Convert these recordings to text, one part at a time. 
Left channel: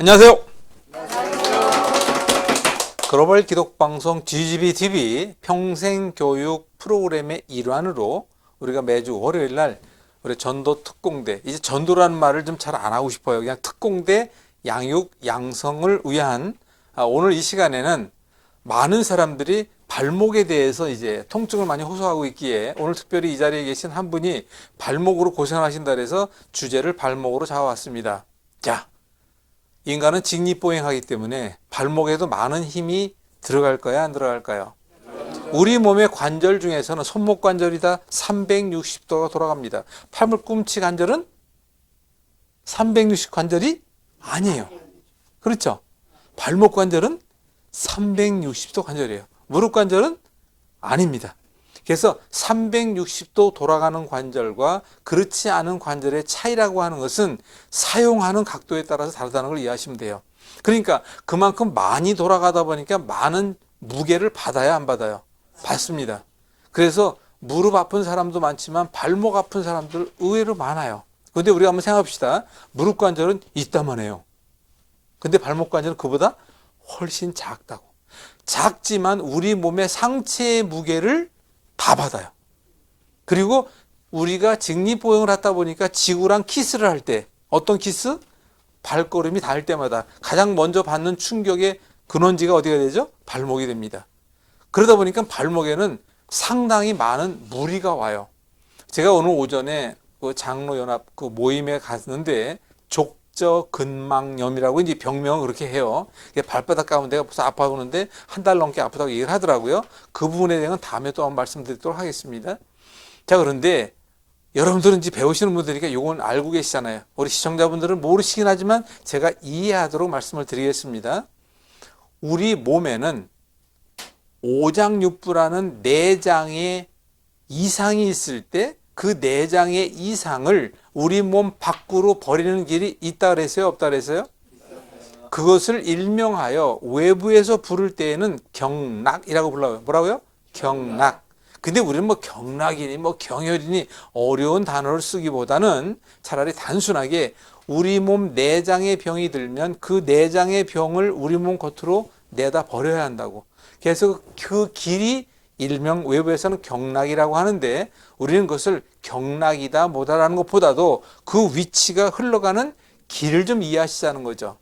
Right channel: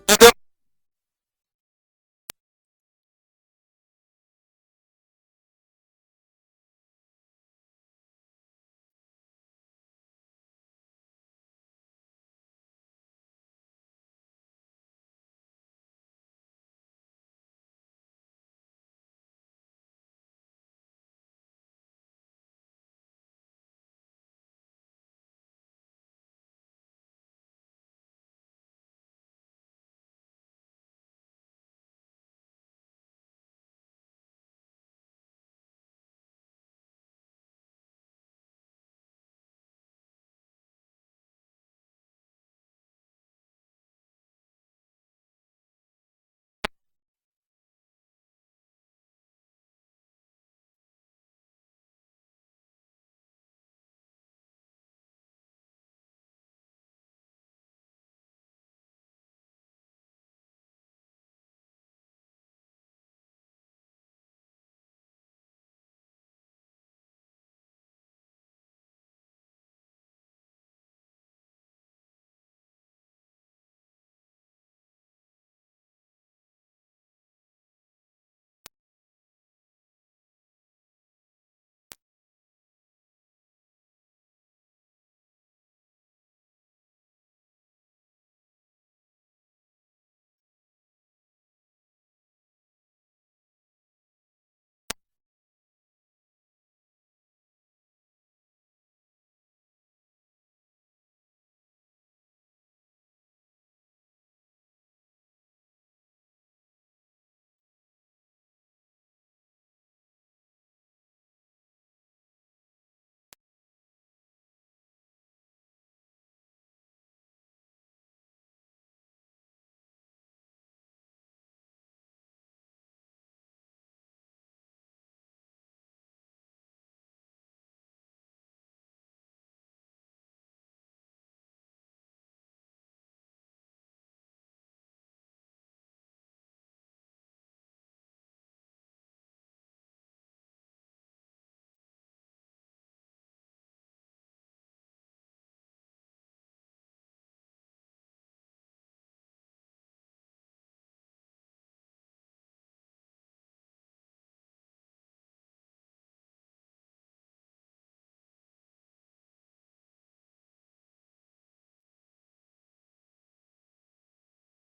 안녕하세요. 글로벌 기독방송 GGBTV 평생교육 프로그램의 일환으로 우리가 매주 월요일 날 우리 전도 특공대, 이제 전도라는 말을 좀 잘 안 하고 싶어요. 그냥 특공대 양육 양성을 위한 오늘 이 시간에는 많은 사람들이 발목에 대해서 이제 통증을 많이 호소하고 있기에 오늘 특별히 이 자리에 계신 한 분이 발목으로 고생하신다 그래서 주제를 발목으로 잡아왔습니다. 자, 인간은 직립보행하기 때문에 발목에도 많은 힘이 들어갈까요? 안 들어갈까요? 우리 몸의 관절 중에서는 손목 관절이 다 360도가 돌아갑니다. 팔꿈치 관절은 360 관절이 아니에요. 그렇죠? 발목 관절은 360도 관절이에요. 무릎 관절은 아닙니다. 그래서 360도 돌아가는 관절과 그렇지 않은 관절의 차이라고 하는 것은 사용하는 각도에 따라서 다르다는 걸 이해하시면 돼요. 그러니까 그만큼 많이 돌아가다 보니까 많은 무게를 받아야 안 받아요? 받습니다. 그래서 무릎 아픈 사람도 많지만 발목 아픈 사람들 의외로 많아요. 근데 우리가 한번 생각합시다. 무릎 관절은 있다만 해요. 근데 발목 관절은 그보다 훨씬 작다고. 작지만 우리 몸의 상체의 무게를 다 받아요. 그리고 우리가 직립보행을 하다 보니까 지구랑 키스를 할 때, 어떤 키스? 발걸음이 닿을 때마다 가장 먼저 받는 충격의 근원지가 어디가 되죠? 발목이 됩니다. 그러다 보니까 발목에는 상당히 많은 무리가 와요. 제가 오늘 오전에 그 장로연합 그 모임에 갔는데 족저근막염이라고 이제 병명을 그렇게 해요. 발바닥 가면 내가 벌써 아파 보는데 한 달 넘게 아프다고 얘기를 하더라고요. 그 부분에 대해서는 다음에 또 한번 말씀드리도록 하겠습니다. 자, 그런데 여러분들은 이제 배우시는 분들이니까 이건 알고 계시잖아요. 우리 시청자분들은 모르시긴 하지만 제가 이해하도록 말씀을 드리겠습니다. 우리 몸에는 오장육부라는 내장의 이상이 있을 때 그 내장의 이상을 우리 몸 밖으로 버리는 길이 있다 그랬어요? 없다 그랬어요? 그것을 일명하여 외부에서 부를 때에는 경락이라고 불러요. 뭐라고요? 경락. 근데 우리는 뭐 경락이니 뭐 경혈이니 어려운 단어를 쓰기보다는 차라리 단순하게 우리 몸 내장의 병이 들면 그 내장의 병을 우리 몸 겉으로 내다 버려야 한다고. 그래서 그 길이 일명 외부에서는 경락이라고 하는데 우리는 그것을 경락이다 뭐다라는 것보다도 그 위치가 흘러가는 길을 좀 이해하시자는 거죠.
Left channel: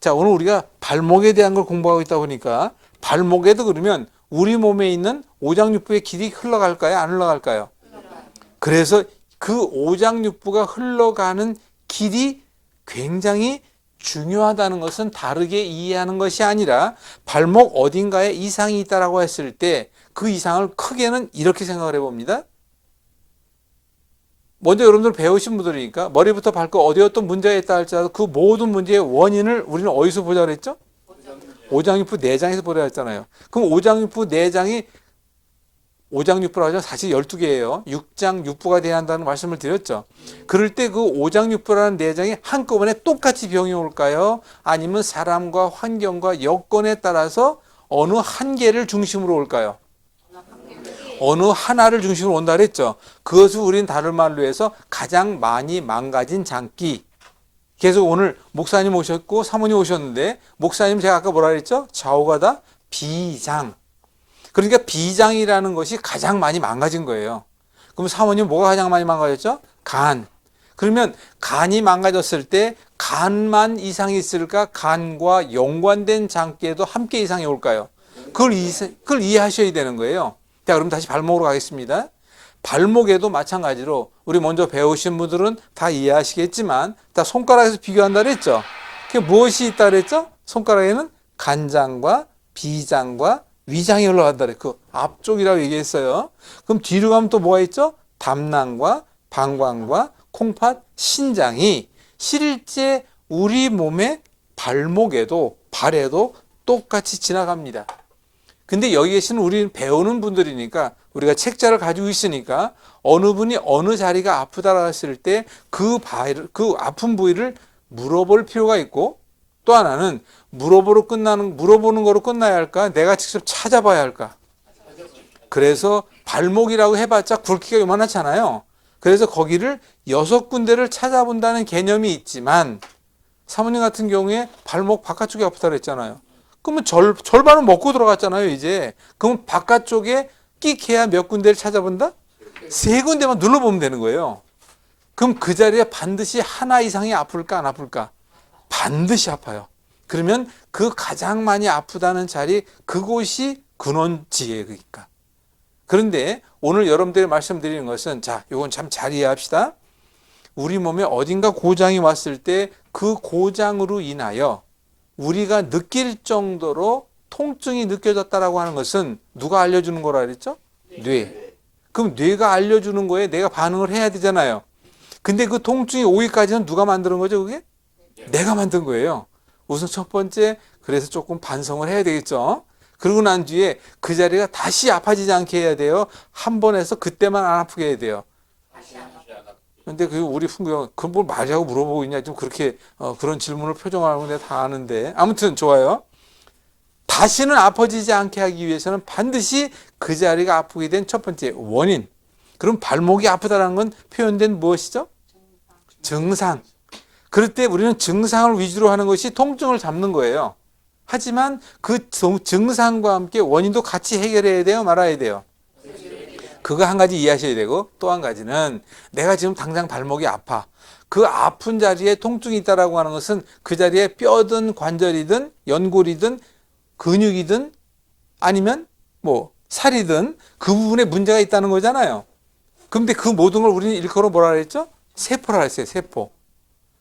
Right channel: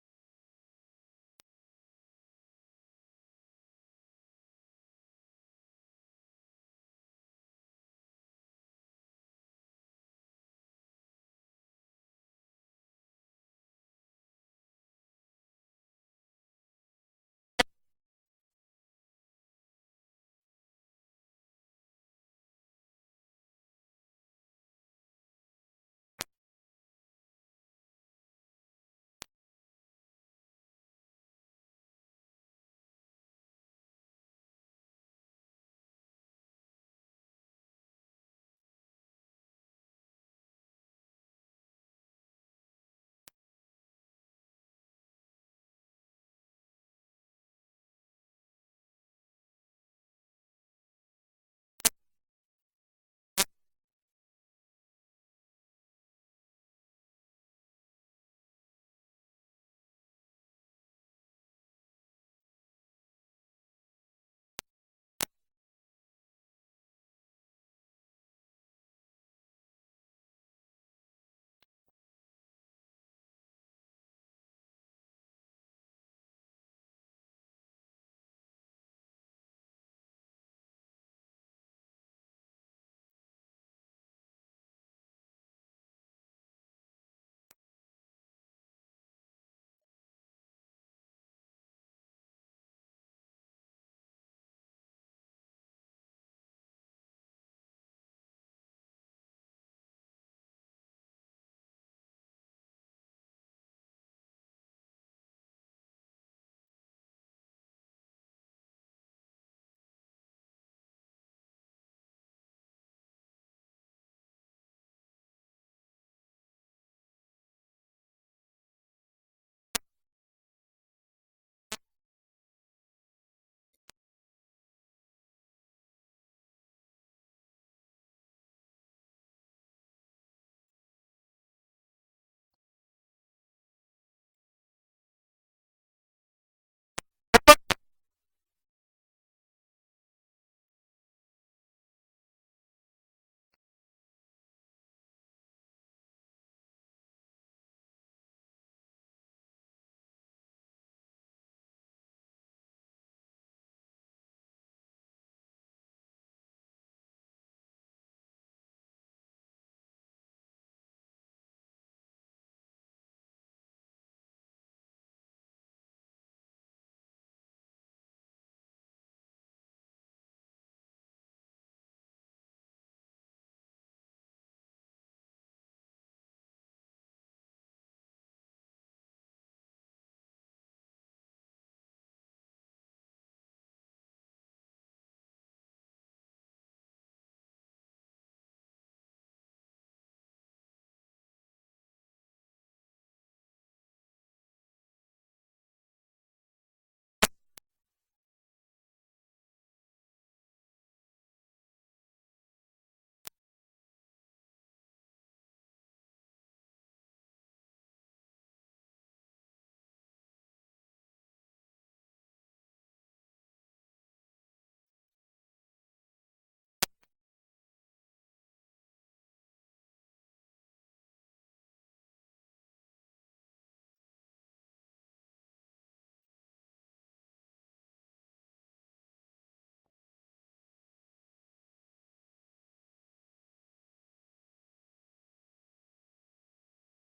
자, 오늘 우리가 발목에 대한 걸 공부하고 있다 보니까 발목에도 그러면 우리 몸에 있는 오장육부의 길이 흘러갈까요? 안 흘러갈까요? 그래서 그 오장육부가 흘러가는 길이 굉장히 중요하다는 것은 다르게 이해하는 것이 아니라 발목 어딘가에 이상이 있다라고 했을 때 그 이상을 크게는 이렇게 생각을 해봅니다. 먼저 여러분들 배우신 분들이니까 머리부터 발끝 어디 어떤 문제가 있다 할지라도 그 모든 문제의 원인을 우리는 어디서 보자 그랬죠? 오장육부 내장에서 보자 했잖아요. 그럼 오장육부 내장이 오장육부라고 하죠. 사실 12개예요. 육장육부가 돼야 한다는 말씀을 드렸죠. 그럴 때 그 오장육부라는 내장이 한꺼번에 똑같이 병이 올까요? 아니면 사람과 환경과 여건에 따라서 어느 한 개를 중심으로 올까요? 어느 하나를 중심으로 온다 그랬죠. 그것을 우리는 다른 말로 해서 가장 많이 망가진 장기. 그래서 오늘 목사님 오셨고 사모님 오셨는데 목사님 제가 아까 뭐라 그랬죠? 좌우가다 비장. 그러니까 비장이라는 것이 가장 많이 망가진 거예요. 그럼 사모님 뭐가 가장 많이 망가졌죠? 간. 그러면 간이 망가졌을 때 간만 이상이 있을까? 간과 연관된 장기에도 함께 이상이 올까요? 그걸 이해하셔야 되는 거예요. 자, 그럼 다시 발목으로 가겠습니다. 발목에도 마찬가지로 우리 먼저 배우신 분들은 다 이해하시겠지만 다 손가락에서 비교한다 그랬죠. 그게 무엇이 있다 그랬죠? 손가락에는 간장과 비장과 위장이 흘러간다 그랬. 그 앞쪽이라고 얘기했어요. 그럼 뒤로 가면 또 뭐가 있죠? 담낭과 방광과 콩팥, 신장이 실제 우리 몸의 발목에도 발에도 똑같이 지나갑니다. 근데 여기 계시는 우리 배우는 분들이니까 우리가 책자를 가지고 있으니까 어느 분이 어느 자리가 아프다라고 했을 때 그 아픈 부위를 물어볼 필요가 있고 또 하나는 물어보는 거로 끝나야 할까? 내가 직접 찾아봐야 할까? 그래서 발목이라고 해봤자 굵기가 요만하잖아요. 그래서 거기를 6군데를 찾아본다는 개념이 있지만 사모님 같은 경우에 발목 바깥쪽이 아프다 그랬잖아요. 그러면 절반은 먹고 들어갔잖아요, 이제. 그럼 바깥쪽에 끽해야 몇 군데를 찾아본다? 세 군데만 눌러보면 되는 거예요. 그럼 그 자리에 반드시 하나 이상이 아플까 안 아플까? 반드시 아파요. 그러면 그 가장 많이 아프다는 자리, 그곳이 근원지예요. 그러니까. 그런데 오늘 여러분들이 말씀드리는 것은, 자, 이건 참 잘 이해합시다. 우리 몸에 어딘가 고장이 왔을 때 그 고장으로 인하여 우리가 느낄 정도로 통증이 느껴졌다라고 하는 것은 누가 알려주는 거라 그랬죠? 뇌. 그럼 뇌가 알려주는 거에 내가 반응을 해야 되잖아요. 근데 그 통증이 오기까지는 누가 만드는 거죠, 그게? 내가 만든 거예요. 우선 첫 번째, 그래서 조금 반성을 해야 되겠죠. 그러고 난 뒤에 그 자리가 다시 아파지지 않게 해야 돼요. 한 번 해서 그때만 안 아프게 해야 돼요. 근데 그 우리 풍경, 그걸 뭘 말이라고 물어보고 있냐, 좀 그렇게 그런 질문을 표정하는 건 내가 다 아는데. 아무튼 좋아요. 다시는 아파지지 않게 하기 위해서는 반드시 그 자리가 아프게 된 첫 번째 원인. 그럼 발목이 아프다는 건 표현된 무엇이죠? 증상. 그럴 때 우리는 증상을 위주로 하는 것이 통증을 잡는 거예요. 하지만 그 증상과 함께 원인도 같이 해결해야 돼요, 말아야 돼요? 그거 한 가지 이해하셔야 되고, 또 한 가지는 내가 지금 당장 발목이 아파. 그 아픈 자리에 통증이 있다라고 하는 것은 그 자리에 뼈든 관절이든 연골이든 근육이든 아니면 뭐 살이든 그 부분에 문제가 있다는 거잖아요. 근데 그 모든 걸 우리는 일컬어 뭐라 그랬죠? 세포라 했어요, 세포.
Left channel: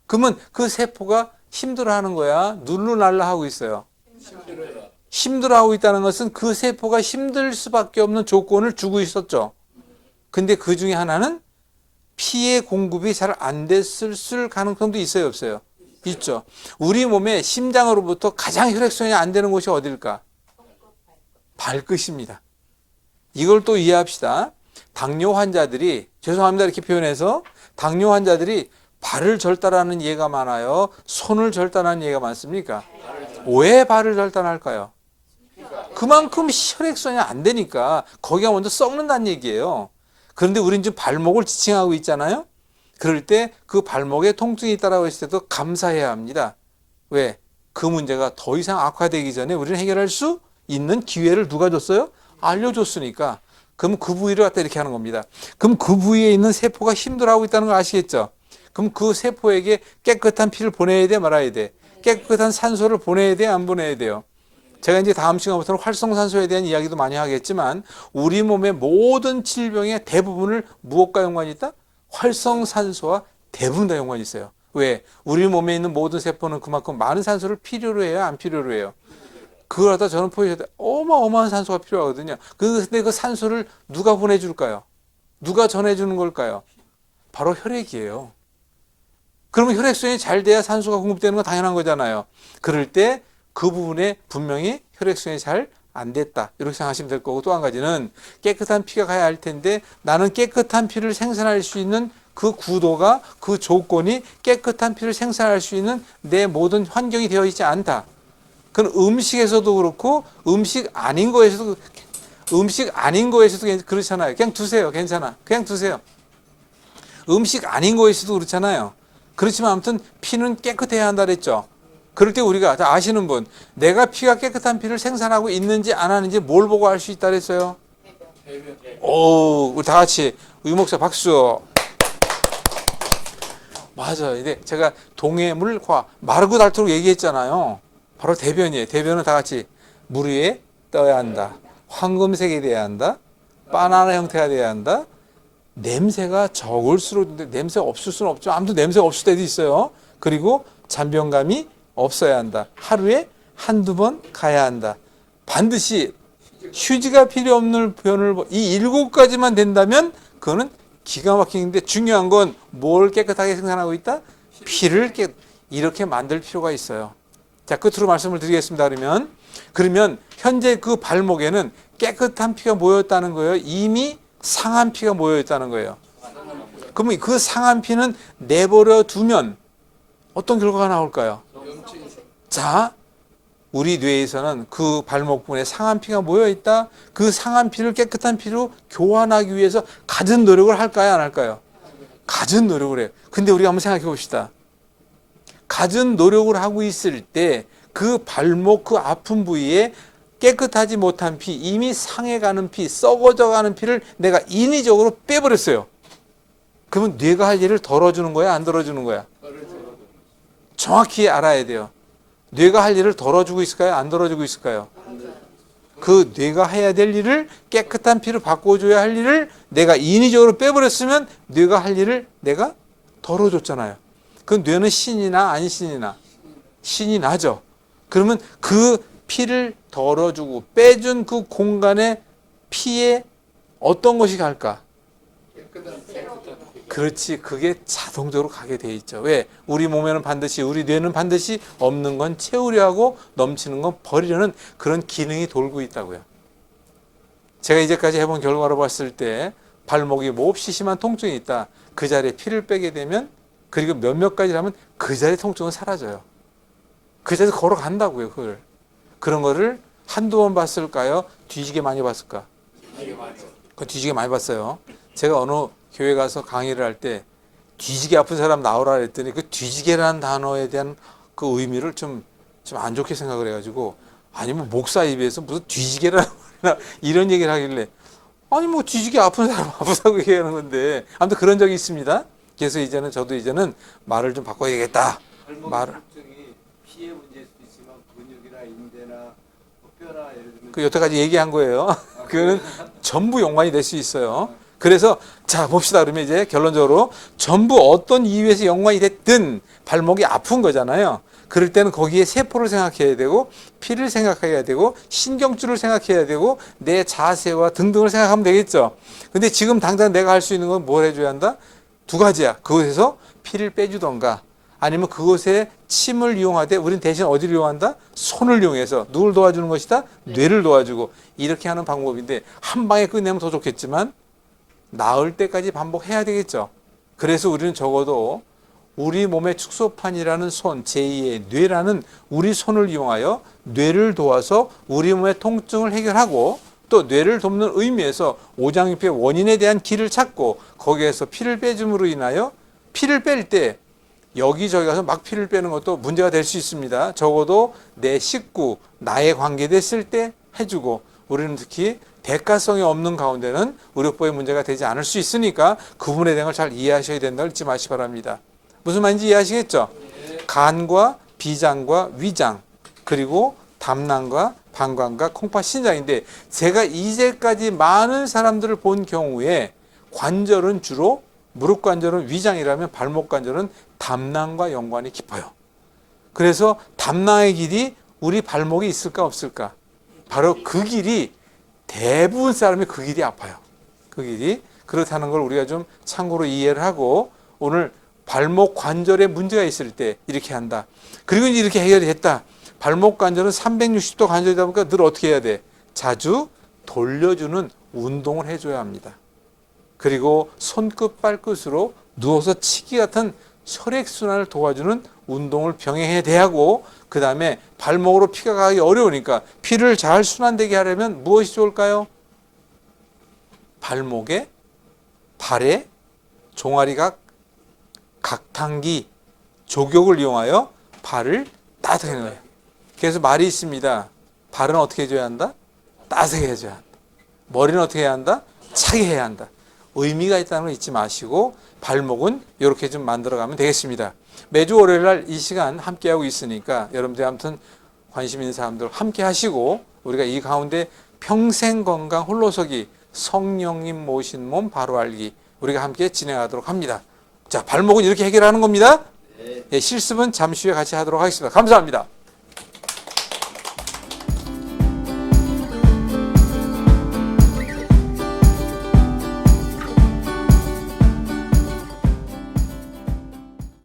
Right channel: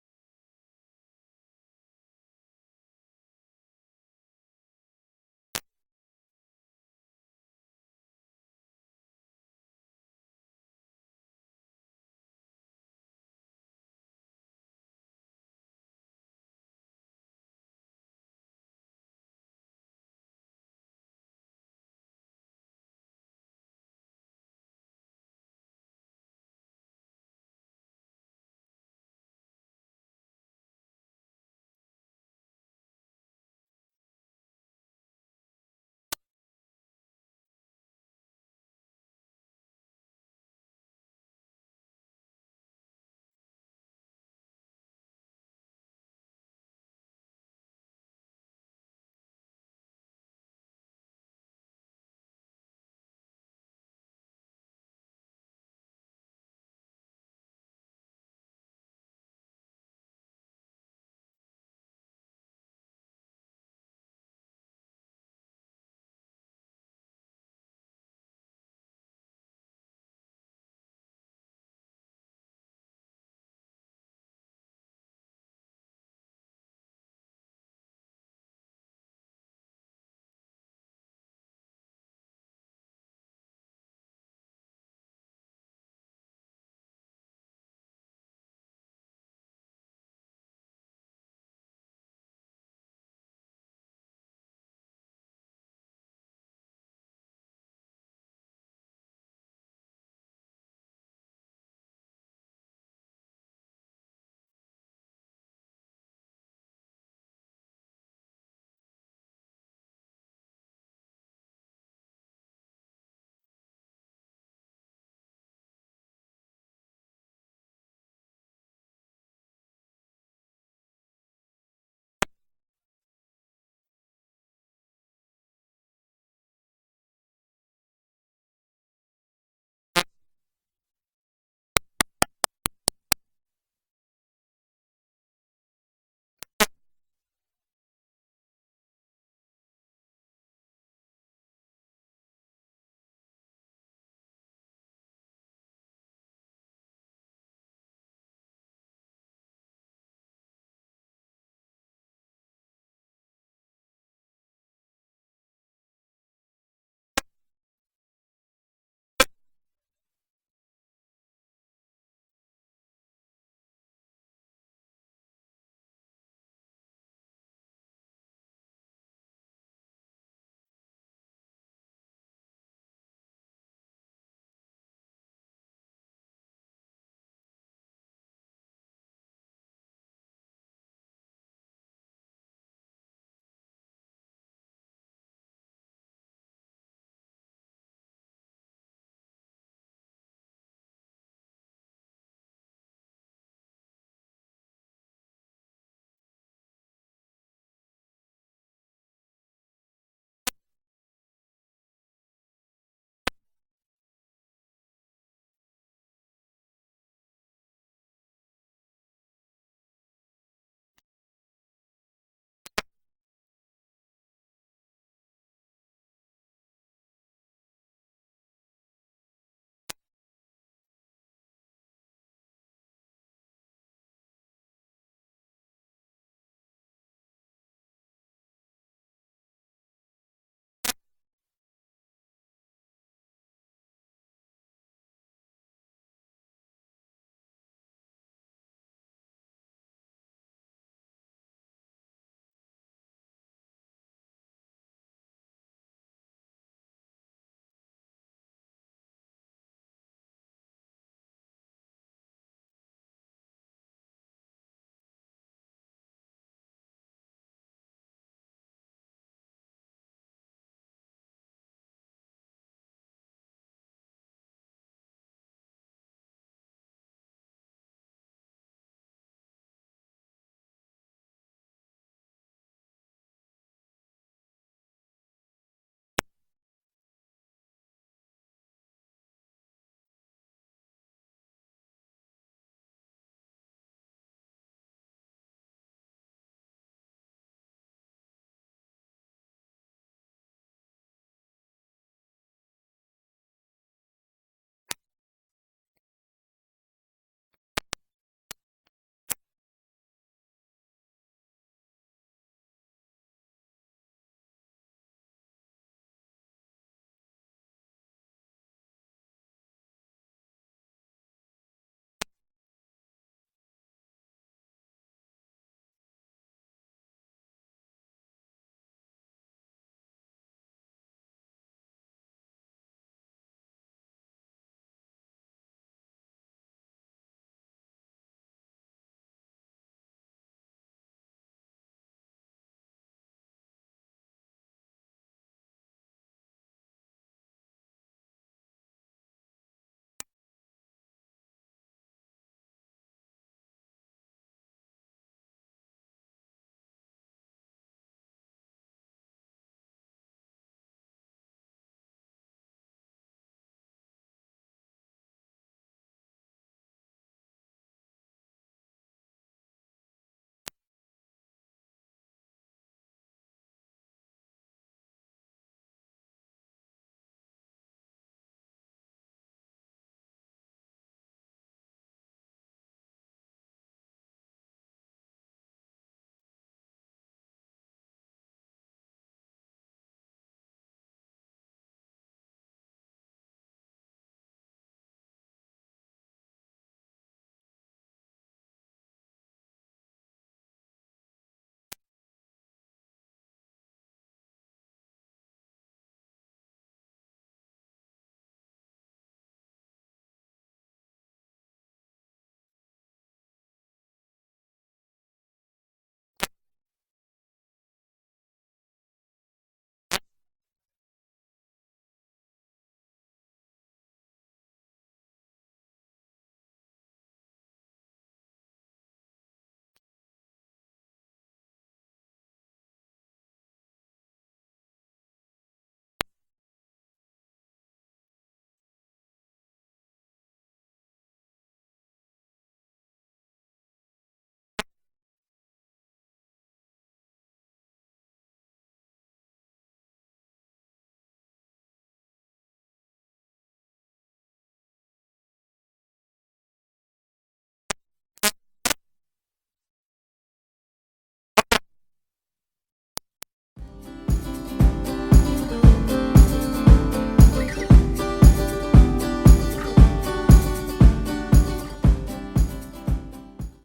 그러면 그 세포가 힘들어하는 거야? 눌루날라 하고 있어요? 힘들어하고 있다는 것은 그 세포가 힘들 수밖에 없는 조건을 주고 있었죠. 근데 그 중에 하나는 피의 공급이 잘 안 됐을 가능성도 있어요, 없어요? 있죠. 우리 몸의 심장으로부터 가장 혈액순환이 안 되는 곳이 어딜까? 발끝입니다. 이걸 또 이해합시다. 당뇨 환자들이, 죄송합니다 이렇게 표현해서, 당뇨 환자들이 발을 절단하는 예가 많아요? 손을 절단하는 예가 많습니까? 왜 발을 절단할까요? 그만큼 혈액순환이 안 되니까 거기가 먼저 썩는다는 얘기예요. 그런데 우리는 지금 발목을 지칭하고 있잖아요. 그럴 때 그 발목에 통증이 있다고 했을 때도 감사해야 합니다. 왜? 그 문제가 더 이상 악화되기 전에 우리는 해결할 수 있는 기회를 누가 줬어요? 알려줬으니까. 그럼 그 부위를 갖다 이렇게 하는 겁니다. 그럼 그 부위에 있는 세포가 힘들어하고 있다는 걸 아시겠죠? 그럼 그 세포에게 깨끗한 피를 보내야 돼, 말아야 돼? 깨끗한 산소를 보내야 돼, 안 보내야 돼요? 제가 이제 다음 시간부터는 활성산소에 대한 이야기도 많이 하겠지만 우리 몸의 모든 질병의 대부분을 무엇과 연관이 있다? 활성산소와 대부분 다 연관이 있어요. 왜? 우리 몸에 있는 모든 세포는 그만큼 많은 산소를 필요로 해요, 안 필요로 해요? 그걸 갖다 저는 포기해야 돼. 어마어마한 산소가 필요하거든요. 근데 그 산소를 누가 보내줄까요? 누가 전해주는 걸까요? 바로 혈액이에요. 그러면 혈액순환이 잘 돼야 산소가 공급되는 건 당연한 거잖아요. 그럴 때 그 부분에 분명히 혈액순환이 잘 안 됐다, 이렇게 생각하시면 될 거고, 또 한 가지는 깨끗한 피가 가야 할 텐데 나는 깨끗한 피를 생산할 수 있는 그 구도가, 그 조건이 깨끗한 피를 생산할 수 있는 내 모든 환경이 되어 있지 않다. 그건 음식에서도 그렇고 음식 아닌 거에서도 그렇잖아요. 그냥 두세요. 괜찮아. 그냥 두세요. 음식 아닌 거에서도 그렇잖아요. 그렇지만 아무튼 피는 깨끗해야 한다 그랬죠. 그럴 때 우리가, 아시는 분, 내가 피가 깨끗한 피를 생산하고 있는지 안 하는지 뭘 보고 알 수 있다 그랬어요? 오, 우리 다 같이 의목사 박수. 맞아요. 이제 제가 동해물과 마르고 닳도록 얘기했잖아요. 바로 대변이에요. 대변은 다 같이 물 위에 떠야 한다. 황금색이 돼야 한다. 바나나 형태가 돼야 한다. 냄새가 적을수록, 냄새 없을 수는 없죠. 아무튼 냄새가 없을 때도 있어요. 그리고 잔변감이 없어야 한다. 하루에 한두 번 가야 한다. 반드시 휴지가 필요 없는 변을, 이 7가지만 된다면 그거는 기가 막히는데, 중요한 건 뭘 깨끗하게 생산하고 있다? 피를 이렇게 만들 필요가 있어요. 자, 끝으로 말씀을 드리겠습니다. 그러면 현재 그 발목에는 깨끗한 피가 모였다는 거예요? 이미 상한 피가 모여있다는 거예요? 그러면 그 상한 피는 내버려 두면 어떤 결과가 나올까요? 자, 우리 뇌에서는 그 발목 부분에 상한 피가 모여있다. 그 상한 피를 깨끗한 피로 교환하기 위해서 갖은 노력을 할까요, 안 할까요? 갖은 노력을 해요. 근데 우리가 한번 생각해 봅시다. 갖은 노력을 하고 있을 때 그 발목 그 아픈 부위에 깨끗하지 못한 피, 이미 상해가는 피, 썩어져가는 피를 내가 인위적으로 빼버렸어요. 그러면 뇌가 할 일을 덜어주는 거야, 안 덜어주는 거야? 정확히 알아야 돼요. 뇌가 할 일을 덜어주고 있을까요, 안 덜어주고 있을까요? 그 뇌가 해야 될 일을, 깨끗한 피를 바꿔줘야 할 일을 내가 인위적으로 빼버렸으면 뇌가 할 일을 내가 덜어줬잖아요. 그 뇌는 신이나 안 신이나? 신이 나죠. 그러면 그 피를 덜어주고 빼준 그 공간에 피에 어떤 것이 갈까? 그렇지. 그게 자동적으로 가게 돼 있죠. 왜? 우리 몸에는 반드시, 우리 뇌는 반드시 없는 건 채우려 하고 넘치는 건 버리려는 그런 기능이 돌고 있다고요. 제가 이제까지 해본 결과로 봤을 때 발목이 몹시 심한 통증이 있다. 그 자리에 피를 빼게 되면, 그리고 몇몇 가지를 하면 그 자리에 통증은 사라져요. 그 자리에서 걸어간다고요. 그런 거를 한두 번 봤을까요? 뒤지게 많이 봤을까? 뒤지게 많이 봤어요. 제가 어느 교회 가서 강의를 할 때 뒤지게 아픈 사람 나오라 그랬더니 그 뒤지게라는 단어에 대한 그 의미를 좀 안 좋게 생각을 해가지고, 아니면 목사 입에서 무슨 뒤지게라는 이런 얘기를 하길래, 아니 뭐 뒤지게 아픈 사람 아프다고 얘기하는 건데, 아무튼 그런 적이 있습니다. 그래서 저도 이제는 말을 좀 바꿔야 되겠다. 말을. 피의 문제일 수도 있지만 근육이나 인대나 뼈나 예를 들면 그 여태까지 얘기한 거예요. 그거는 전부 연관이 될 수 있어요. 그래서 자 봅시다. 그러면 이제 결론적으로 전부 어떤 이유에서 연관이 됐든 발목이 아픈 거잖아요. 그럴 때는 거기에 세포를 생각해야 되고, 피를 생각해야 되고, 신경줄을 생각해야 되고, 내 자세와 등등을 생각하면 되겠죠. 근데 지금 당장 내가 할 수 있는 건 뭘 해줘야 한다? 두 가지야. 그곳에서 피를 빼주던가, 아니면 그곳에 침을 이용하되, 우린 대신 어디를 이용한다? 손을 이용해서. 누굴 도와주는 것이다? 뇌를 도와주고. 이렇게 하는 방법인데, 한 방에 끝내면 더 좋겠지만 나을 때까지 반복해야 되겠죠. 그래서 우리는 적어도 우리 몸의 축소판이라는 손, 제2의 뇌라는 우리 손을 이용하여 뇌를 도와서 우리 몸의 통증을 해결하고, 또 뇌를 돕는 의미에서 오장육부의 원인에 대한 길을 찾고, 거기에서 피를 빼줌으로 인하여 피를 뺄 때 여기저기 가서 막 피를 빼는 것도 문제가 될 수 있습니다. 적어도 내 식구, 나에 관계됐을 때 해주고, 우리는 특히 대가성이 없는 가운데는 의료법의 문제가 되지 않을 수 있으니까 그 부분에 대한 걸 잘 이해하셔야 된다고 잊지 마시기 바랍니다. 무슨 말인지 이해하시겠죠? 간과 비장과 위장, 그리고 담낭과 방광과 콩팥, 신장인데, 제가 이제까지 많은 사람들을 본 경우에 관절은 주로, 무릎 관절은 위장이라면 발목 관절은 담낭과 연관이 깊어요. 그래서 담낭의 길이 우리 발목에 있을까 없을까? 바로 그 길이, 대부분 사람이 그 길이 아파요. 그 길이. 그렇다는 걸 우리가 좀 참고로 이해를 하고, 오늘 발목 관절에 문제가 있을 때 이렇게 한다. 그리고 이제 이렇게 해결이 됐다. 발목 관절은 360도 관절이다 보니까 늘 어떻게 해야 돼? 자주 돌려주는 운동을 해줘야 합니다. 그리고 손끝 발끝으로 누워서 치기 같은 혈액순환을 도와주는 운동을 병행해야 돼 하고, 그 다음에 발목으로 피가 가기 어려우니까 피를 잘 순환되게 하려면 무엇이 좋을까요? 발목에, 발에 종아리각, 각탕기, 조격을 이용하여 발을 따뜻하게 해는 거예요. 그래서 말이 있습니다. 발은 어떻게 해줘야 한다? 따뜻하게 해줘야 한다. 머리는 어떻게 해야 한다? 차게 해야 한다. 의미가 있다는 걸 잊지 마시고, 발목은 이렇게 좀 만들어가면 되겠습니다. 매주 월요일 날 이 시간 함께하고 있으니까 여러분들 아무튼 관심 있는 사람들 함께 하시고, 우리가 이 가운데 평생 건강 홀로서기, 성령님 모신 몸 바로 알기, 우리가 함께 진행하도록 합니다. 자, 발목은 이렇게 해결하는 겁니다. 예, 실습은 잠시 후에 같이 하도록 하겠습니다. 감사합니다.